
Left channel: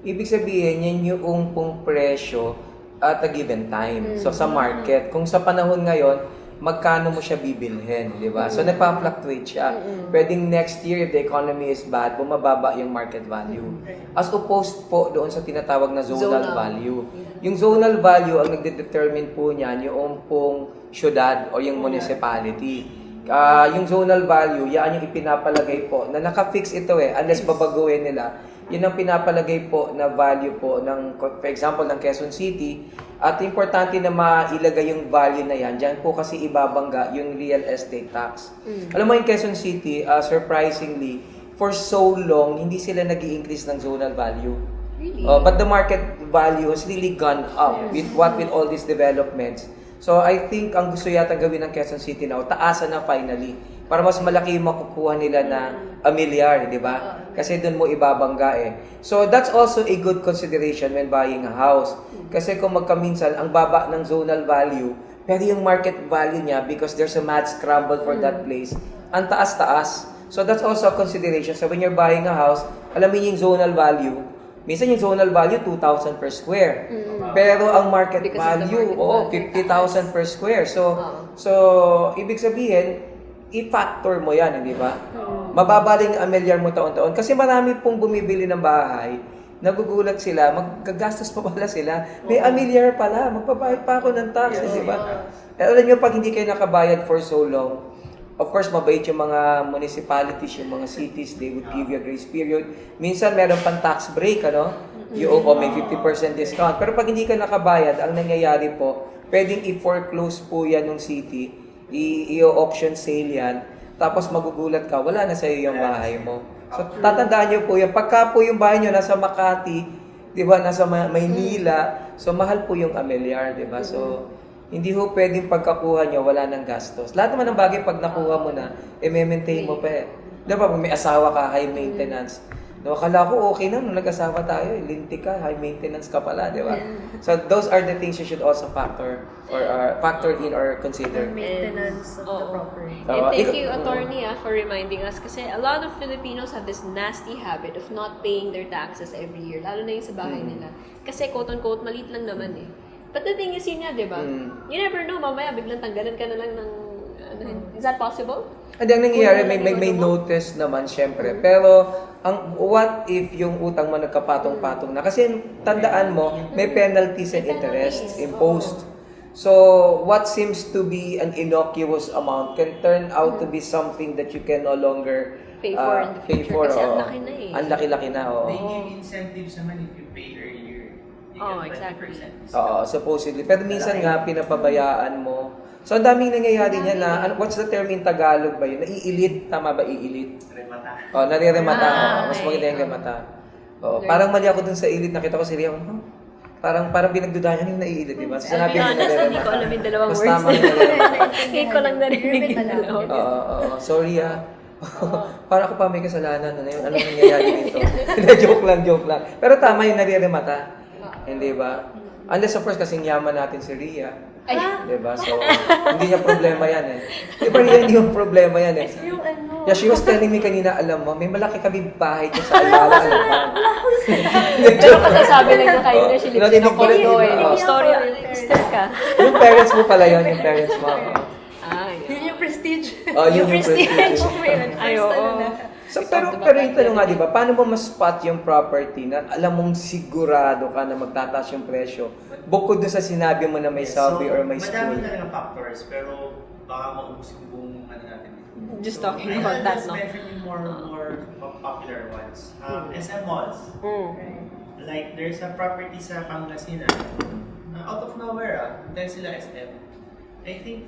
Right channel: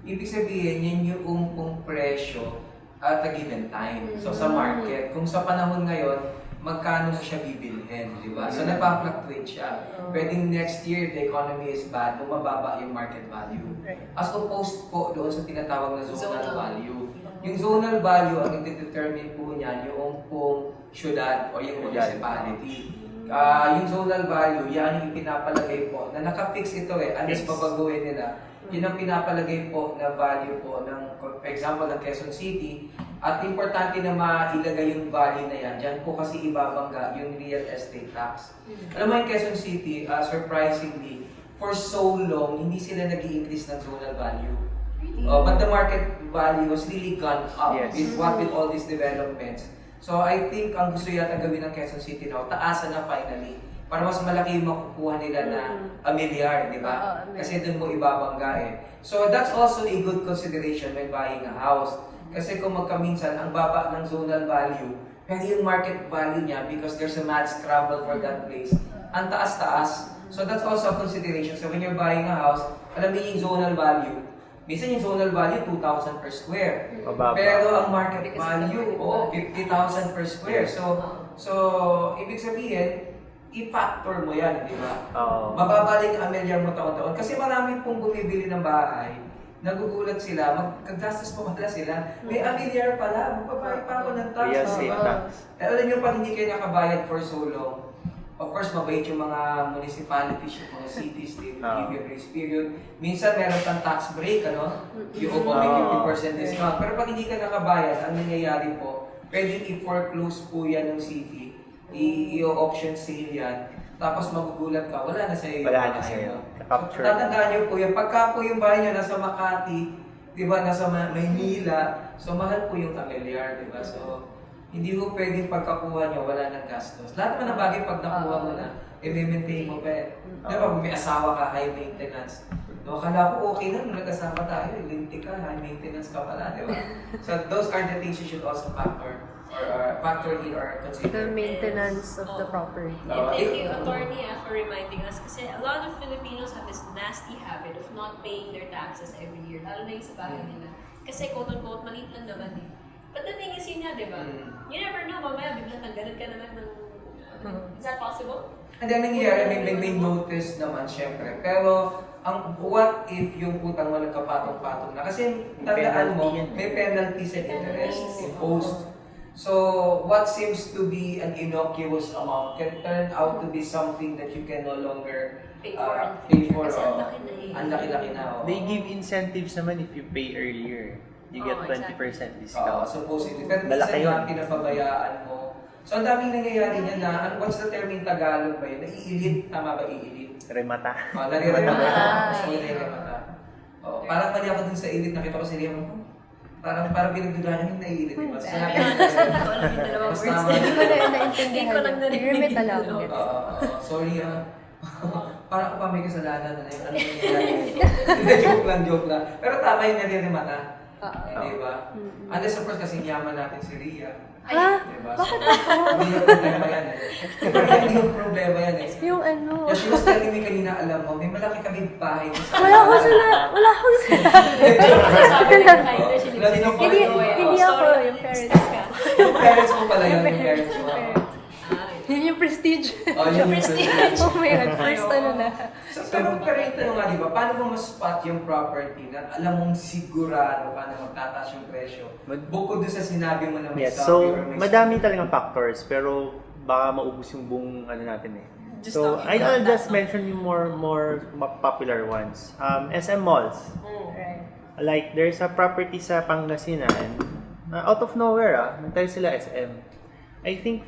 ibig sabihin yan yung pong presyo at a given time. So, sa market, kung sa panahon ngayon, magkano mo siya bibilhin, di ba? So, nagpa-fluctuate siya. Pwedeng next year, if the economy is bad, bumababa yung market value. As opposed po doon sa tinatawag na zonal value. Yung zonal value, ang nagde-determine po niyan, yung pong syudad o yung municipality. Yung zonal value, yan yung ipinapalagay po, na naka-fix ito unless babaguhin nila. Yun ang pinapalagay po na value po ng, for example, ng Quezon City. At importante na mailagay yung value na yan. Diyan po kasi ibabangga yung real estate tax. Alam mo yung Quezon City, surprisingly, for so long, hindi sila nag-i-increase ng zonal value. Really? But the market value has really gone up with all these developments. So I think ang gusto yata gawin ng Quezon City now, taasan na finally. Para mas malaki yung makukuha nila na a milyar, di ba? Kasi doon mo ibabangga So that's also a good consideration when buying a house. Kasi kung magkaminsan, ang baba ng zonal value, pero yung market value niya, because there's a mad scramble for that place, ang taas-taas. So that's also a consideration. So when you're buying a house, alamin yung zonal value, Minsan yung zonal value, 2,000 per square. Pero ang market Because of the value, market value. 50,000 per square. So, ibig sabihin, i-factor mo yan, di ba? Mababa rin ang amilyar mo taon-taon. Kasi marami pong bumibili ng bahay, nagugulat sila, magkagastos pa pala sila. May amilyar pala, magbabayad pa ako ng tax, Yes, di ba? yes. Alam niyo, pag hindi kayo nakabayad for so long, of course, mabait yung mga municipalities, yung mga cities, they would give you a grace period. Minsan, meron pang tax break, ano? Yung may 50% discount. Pero pag hindi ka nakabayad, ang nangyayari po, pwedeng i-foreclose po yan ng city, i-auction sale yan, tapos magugulat ka, wala na sa'yo yung Wala na bahay sa'yo. mo. So, tatandaan niyo po yan. Pagka po yung bahay niyo nasa Makati, di ba, nasa Maynila, so mahal po yung amilyar, di ba? So, hindi ho pwedeng pagkakuha nyo, wala nang gastos. Lahat naman ng bagay pag nakuha mo na, i-maintain mo pa eh. Di ba, kung may asawa ka, high maintenance. No, akala ko okay na, nung nag-asawa tayo, linti ka, high maintenance ka pala, di ba? So, those are the things you should also factor in or The consider. maintenance of the Oo. property. And thank you, attorney, for reminding us. Kasi a lot of Filipinos have this nasty habit of not paying their taxes every year. Lalo na yung sa bahay nila. Kasi quote-unquote, maliit lang naman eh. But the thing is yun nga, di ba? You never know, mamaya biglang tanggalan ka na lang ng... Is that possible? Hindi, ang nangyayari, may notice naman, syempre. Pero, what if yung utang mo nagkapatong-patong na? Kasi tandaan mo, may penalties and interests imposed. So, what seems to be an innocuous amount can turn out to be something that you can no longer Pay for in the future. Kasi ang laki na eh. Ang laki-laki na, oo. They give incentives naman if you pay earlier. You get 20% discount. Oo, supposedly. Pero minsan nga, pinapabayaan mo. So, ang daming nangyayari niya na, what's the term in Tagalog ba yun? Naiilit, tama ba iilit? Remata. Oo, nariremata. Mas okay. maganda yung remata. Oo, parang mali ako dun sa ilit, nakita ko si Riam, parang pinagdudahan yung naiilit, di ba? So, To sabi be honest, hindi ko alam yung dalawang Mas words. tama yung dalawa. Hindi ko lang narinig Remit yung alam. dalawa. Oo, sorry Parang ako pa may kasalanan. Ano nangyayari dito? joke lang. Pero tama yung nariremata. Hindi ba? Unless of course, kasing yaman natin si Ria. Di ba? So, hindi niya problema yan eh. Pero yan yung problema yan eh. Yung ano... Yeah, she was telling me kanina, alam mo, may malaki kami bahay dyan sa Wala ko sila! Wala ko sila! Sabi lang kayo na siya lips na Hindi- ko eh. hindi Story ako, yung yung parents. step ka. Yung parents mo pala yun, yung parents mo. Yun yung prestige. Oh, yun yung prestige. Oh my God, first ano na. So, pero yung tanong nga, di ba, paano mo mas-spot yung property na alam mong sigurado ka na magtataas yung presyo? Bukod doon sa sinabi mo na may Yes, subway or may madami school. talagang factors, pero baka maubos yung buong ano natin eh. Just So, talking I'll about that, just no? mention yung more popular ones. SM malls. Right. Like, there's a property sa Pangasinan. Out of nowhere, nantay sila SM. I think,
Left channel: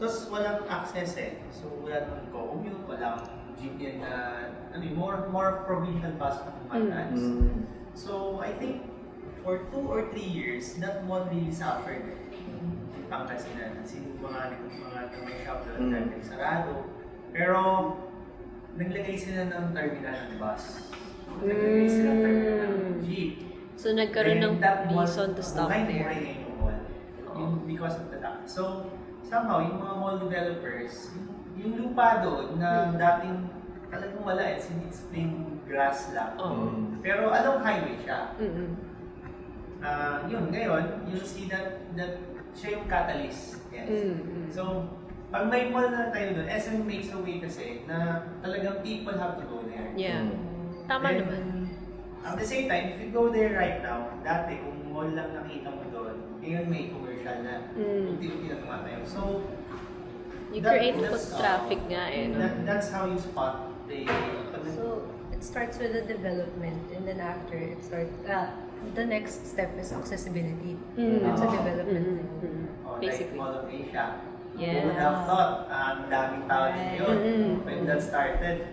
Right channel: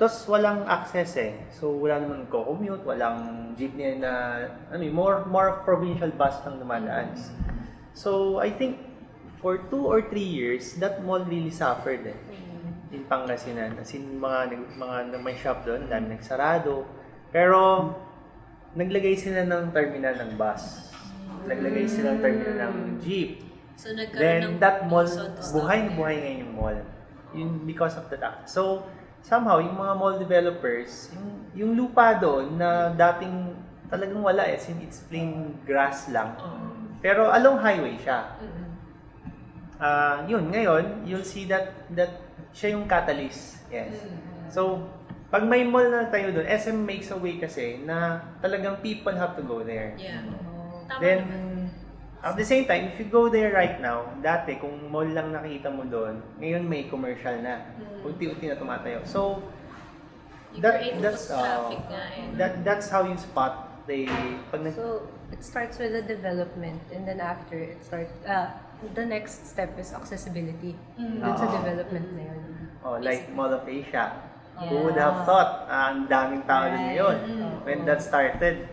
tos walang access eh. So, wala naman nagko-commute, walang jeepney na, more provincial bus lang dumadaan. So, I think, for 2 or 3 years, that mall really suffered eh. In Pangasinan. Kasi mga may shop doon, dahil nagsarado. Pero, naglagay sila ng terminal ng bus. Naglagay sila ng terminal ng jeep. So, nagkaroon ng Then, that mall, reason to stop there. buhay ngayon yung mall. Because of that. So, somehow, yung mga mall developers, yung lupa doon na dating talagang wala eh, since it's plain grass lang. Pero along highway siya. Yun, ngayon, you'll see that siya yung catalyst. Yes. So, pag may mall na tayo doon, SM makes a way kasi na talagang people have to go there. Yeah. Tama Then, naman. at the same time, if you go there right now, dati kung mall lang nakita mo doon, ngayon may commercial na. Unti-unti na tumatayo. So, You create foot traffic nga eh. No? that's how you spot So, it starts with the development and then after it starts, the next step is accessibility. Dun sa development na yun. like Basically. Mall of Asia. Yeah. Who would have thought ang daming tao din yun when that started.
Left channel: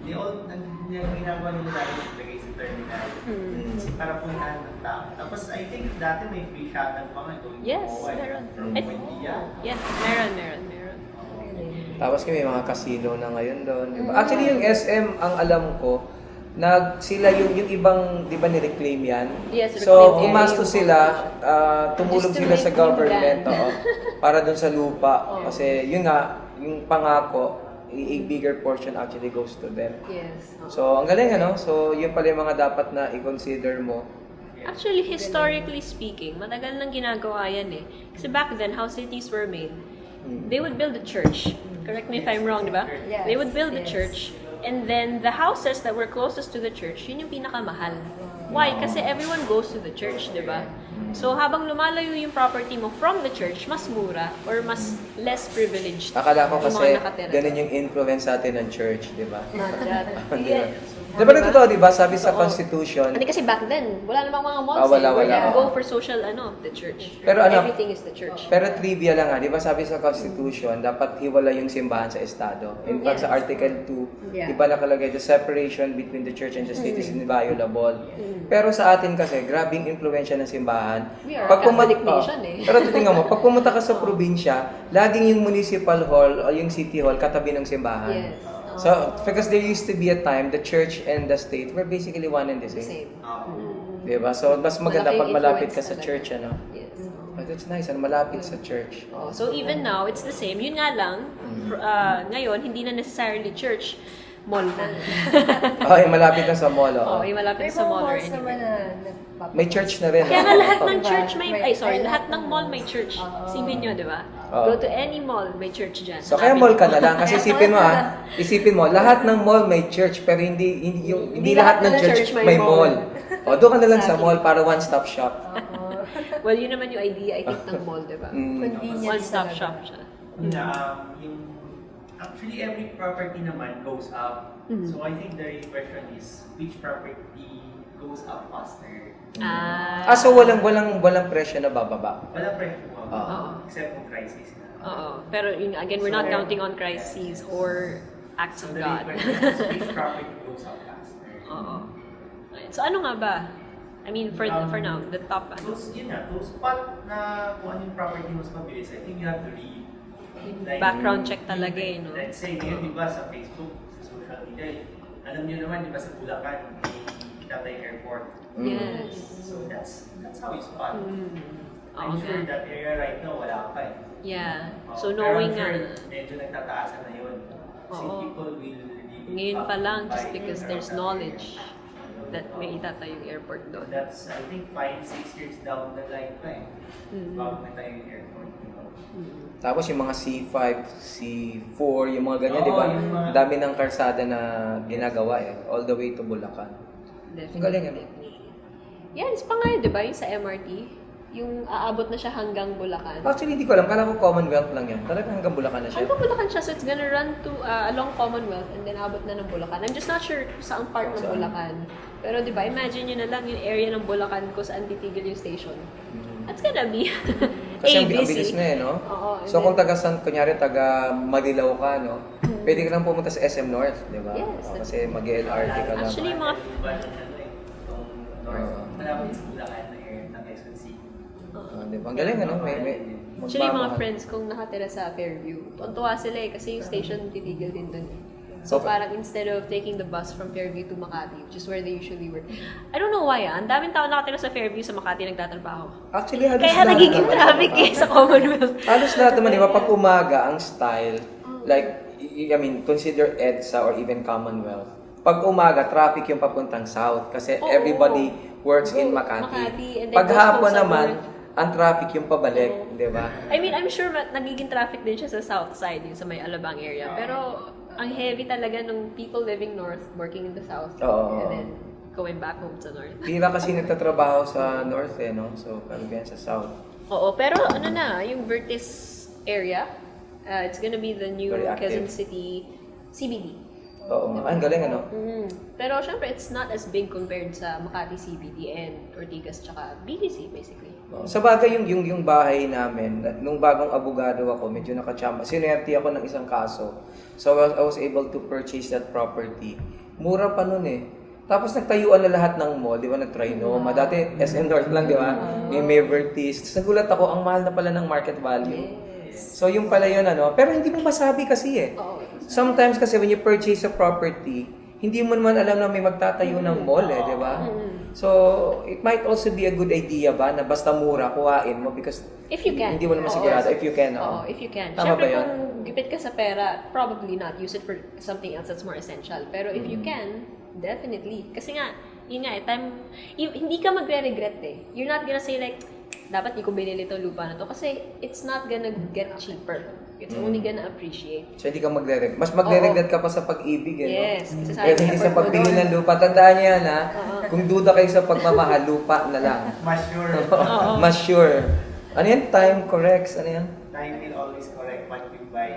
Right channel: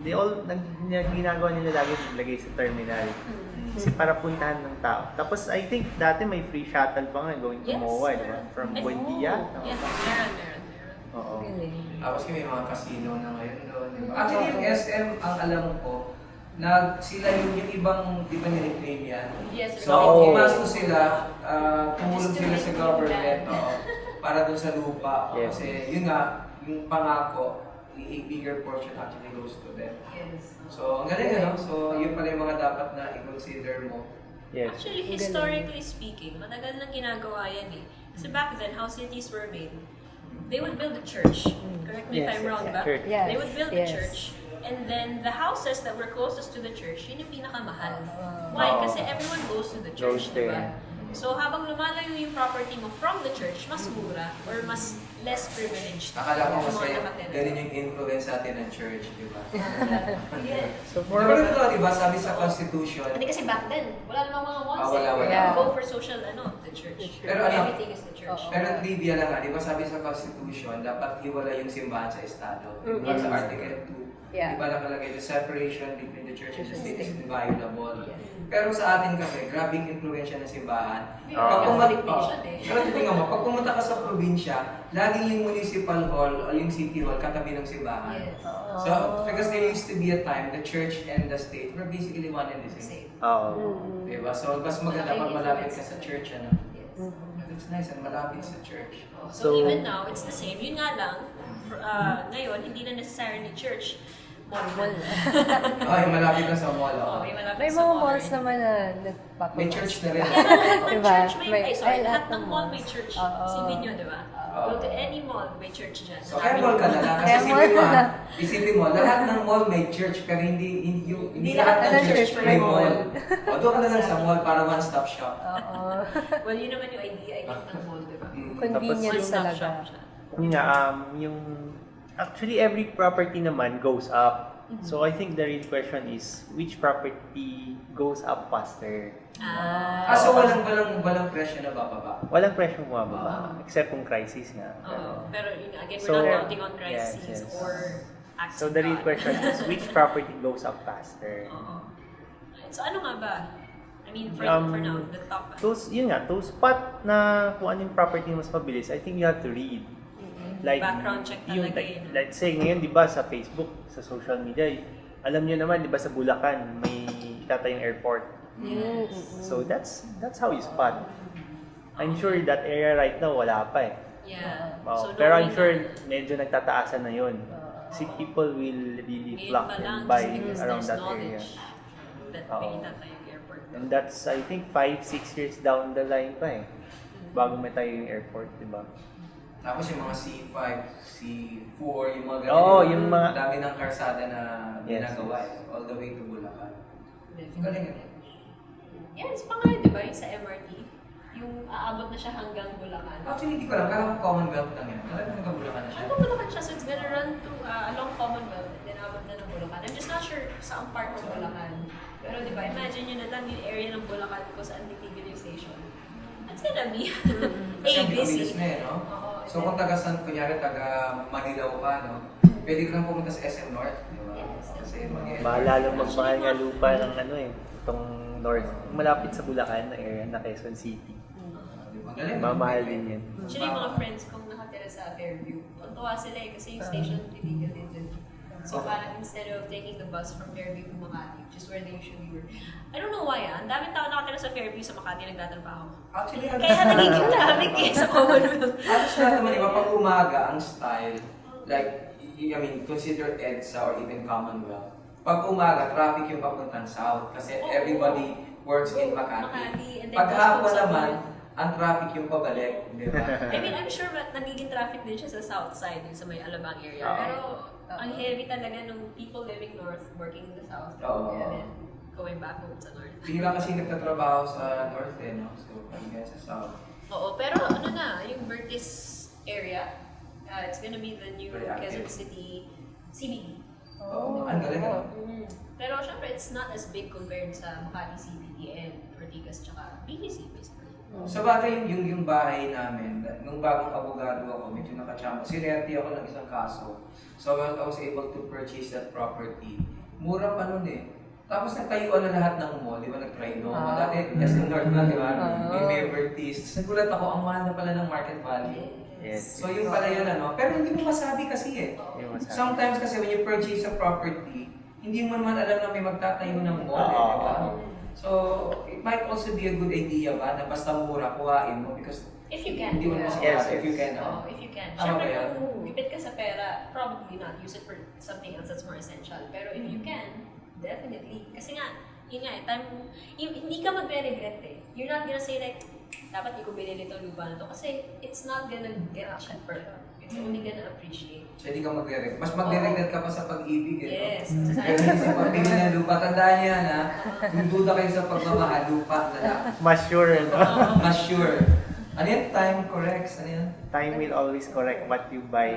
Ginagawa nila lagi naglagay sa terminal. Kasi para puntahan ng tao. Tapos I think dati may free shuttle pa nga going Yes, to MOA meron. from I- Buendia. Yeah, meron. Oo. Tapos may mga casino na ngayon doon. Diba? Actually, yung SM, ang alam ko, sila yung ibang, di ba ni-reclaim yan? Yes, So, reclaim umasto area. sila, tumulong Just to sila sa reclaim government land. para dun sa lupa. Kasi yun nga, yung pangako, a bigger portion actually goes to them. Yes. So, ang galing, ano? So, yun pala yung mga dapat na i-consider mo. Yes. Actually, historically speaking, matagal nang ginagawa yan eh. Kasi back then, how cities were made, they would build a church. Correct me if I'm wrong, di ba? Yes, They would build a yes. church, and then the houses that were closest to the church, yun yung pinakamahal. Why? Kasi everyone goes to the church, di ba? So, habang lumalayo yung property mo from the church, mas mura or mas less privileged Akala ko yung kasi mga nakatira. ganun yung influence natin ng church, di ba? Yeah. Di ba ito, di ba? Sabi sa Constitution, Hindi kasi back then, wala namang mga malls. Wala. Where you go for social, the church. Pero ano, Everything is the church. pero trivia lang di ba sabi sa Constitution, dapat hiwala yung simbahan sa Estado. In fact, sa Article 2, di ba nakalagay, the separation between the church and the state is inviolable. Pero sa atin kasi, grabing impluensya ng simbahan. We are a Catholic nation eh. Pero titingnan mo, pag pumunta ka sa probinsya, laging yung municipal hall o yung city hall katabi ng simbahan. Yes. So, because there used to be a time, the church and the state were basically one and the same. Same. Diba? So, mas maganda Malaking pag malapit ka influence sa talaga. church, ano? Yes. But that's nice, malapit sa church. So even now, it's the same. Yun nga lang, ngayon, hindi na necessarily church, mall na. Yung malapit na sa mall, Oo, yung malapit May sa mga mall. malls naman na nagpapapos. May church na rin. Kaya nga lahat ng Diba? church may, May- lahat ng mall may church. Oo. Isipin nyo, di ba? Oo. Go to any mall, may church dyan. So kaya mall ka na lang kasi Kaya mall isipin mo, lahat ng mall may church pero hindi lahat ng church may mall. O doon ka na lang sa Exactly. mall para one-stop shop. Oo. Well, yun naman yung idea, I think, ng mall, di ba? Convenience One-stop talaga. shop siya. Yun nga, actually every property naman goes up. So I think the real question is which property goes up faster? So walang presyo na bababa. Walang presyo Oo. mababa except kung crisis na. Oo. Pero yun, again, we're So, not counting on crises yes. or acts So of the real God. question is which property goes up faster? Oo. So ano nga ba? I mean, for now, the top. Those spot na kung ano yung property mas mabilis, I think you have to read. Background check talaga eh, no? Let's say ngayon, di ba, sa Facebook, sa social media, alam niyo naman, di ba, sa Bulacan, may itatayong airport. Yes. So that's how you spot. I'm Okay. sure that area right now, wala pa eh. Yeah. Oh, So pero I'm knowing sure na, medyo nagtataasan na yun. Kasi Oo. people will really ngayon flock pa and lang, buy just because around there's that knowledge area. that may itatayong airport doon. That's, I think, 5-6 years down the line pa eh. Bago may tayong airport, di ba? Tapos yung mga C5, C4, yung mga ganyan, Oo, di ba? yung mga- Ang dami ng karsada na ginagawa all the way to Bulacan. Definitely. Galing, ano? Yes, pa nga yun, di ba? Yung sa MRT, yung aabot na siya hanggang Bulacan. Actually, hindi ko alam. Kala ko Commonwealth lang yan. Talagang hanggang Bulacan na siya. Hanggang Bulacan siya, so it's gonna run to along Commonwealth and then abot na ng Bulacan. I'm just not sure saang part ng Bulacan. Pero di ba, imagine nyo na lang yung area ng Bulacan kung saan titigil yung station. That's gonna be Kasi ang ABC. bilis na no? Oo, and So then- kung kunyari taga Madilaw ka, no? Pwede ka nang pumunta sa SM North, di ba? Yes, O, kasi mag-LRT Maalala ka ko na. Actually, mga mga- lupa ng ano eh, itong north. Malapit sa Bulacan na area na Quezon City. Di ba? Ang galing, ano? Mamahal May- din yan. Actually, yung mga friends kong nakatira sa Fairview, tuwa sila eh, kasi yung station titigil din dun. So Okay. parang instead of taking the bus from Fairview to Makati, which is where they usually work, I don't know why ang daming tao nakatira sa Fairview sa Makati nagtatrabaho. Actually, halos Kaya nagiging traffic eh sa Commonwealth. Halos lahat naman, di ba? Pag umaga, ang style, like, I mean, consider EDSA or even Commonwealth. Pag umaga, traffic yung papuntang south kasi Oo. everybody works in Go, Makati. Makati, and then Pag goes hapon sa naman, north. ang traffic yung pabalik, di ba? I mean, I'm sure nagiging traffic din siya sa south side, yung sa may Alabang area. Pero ang heavy talaga nung people living north, working in the south, Oo. and then going back home sa north. Pila kasi nagtatrabaho sa north eh, no? So, karamihan sa south. Oo, pero ano na, yung Vertis area, it's gonna be the new Very active. Quezon City CBD. Oo, ang galing, ano? Pero syempre, it's not as big compared sa Makati CBD and Ortigas tsaka BGC basically. Sa bagay yung bahay namin, nung bagong abogado ako, medyo nakachamba. Sinerte ako ng isang kaso. So I was able to purchase that property. Mura pa nun eh. Tapos nagtayuan na lahat ng mall, di ba? Nag-Trinoma. Dati SM North lang, di ba? May Vertis. Tapos nagulat ako, ang mahal na pala ng market value. Yes. So yung pala yun, ano? Pero hindi mo masabi kasi eh. Oo. Sometimes kasi when you purchase a property, hindi mo naman alam na may magtatayo ng mall di ba? So, it might also be a good idea ba na basta mura, kuhain mo because If you can. hindi mo naman sigurado if you can. Oo, if you can. Tama Siyempre ba yan? kung gipit ka sa pera, probably not. Use it for something else that's more essential. Pero if you can, definitely. Kasi nga, yun nga hindi ka magre-regret eh. You're not gonna say like, dapat di ko binili ito lupa na to. Kasi it's not gonna get cheaper. It's only gonna appreciate. So, hindi ka magre-regret. Mas magre-regret ka pa sa pag-ibig, Yes. Kasi Kaya hindi sa pagbili ng lupa. Tandaan niya na, kung duda kayo sa pagmamahal, lupa na lang. Mas sure. Mas sure. Ano yan? Time corrects. Ano yan? Time will always correct what you buy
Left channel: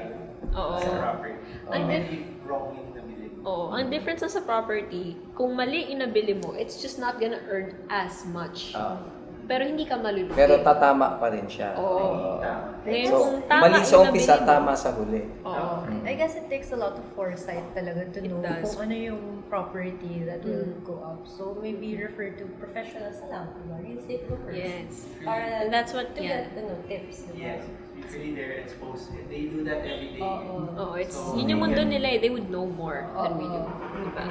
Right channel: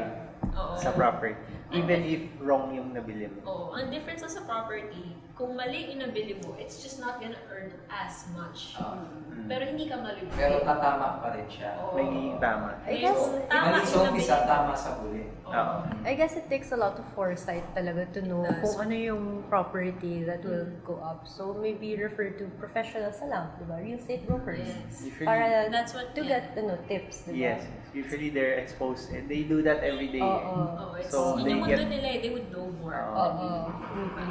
Oo. sa property. Ang Even if wrong yung nabili mo. Oo. Ang difference sa property, kung mali yung nabili mo, it's just not gonna earn as much. Pero hindi ka malulugi. Pero tatama pa rin siya. Oo. Nagiging tama. Ngayon, So, kung tama mali sa yung umpisa, nabili mo. tama sa huli. Oo. I guess it takes a lot of foresight talaga to It know does. kung ano yung property that will go up. So maybe refer to professionals na lang, diba? Real estate brokers. Yes. Para That's what, to yeah. get tips, diba? Yes. Usually they're exposed and they do that every day. Oo. Oh, it's So, yun yung they mundo can- nila eh. They would know more than we do. Oo. Diba?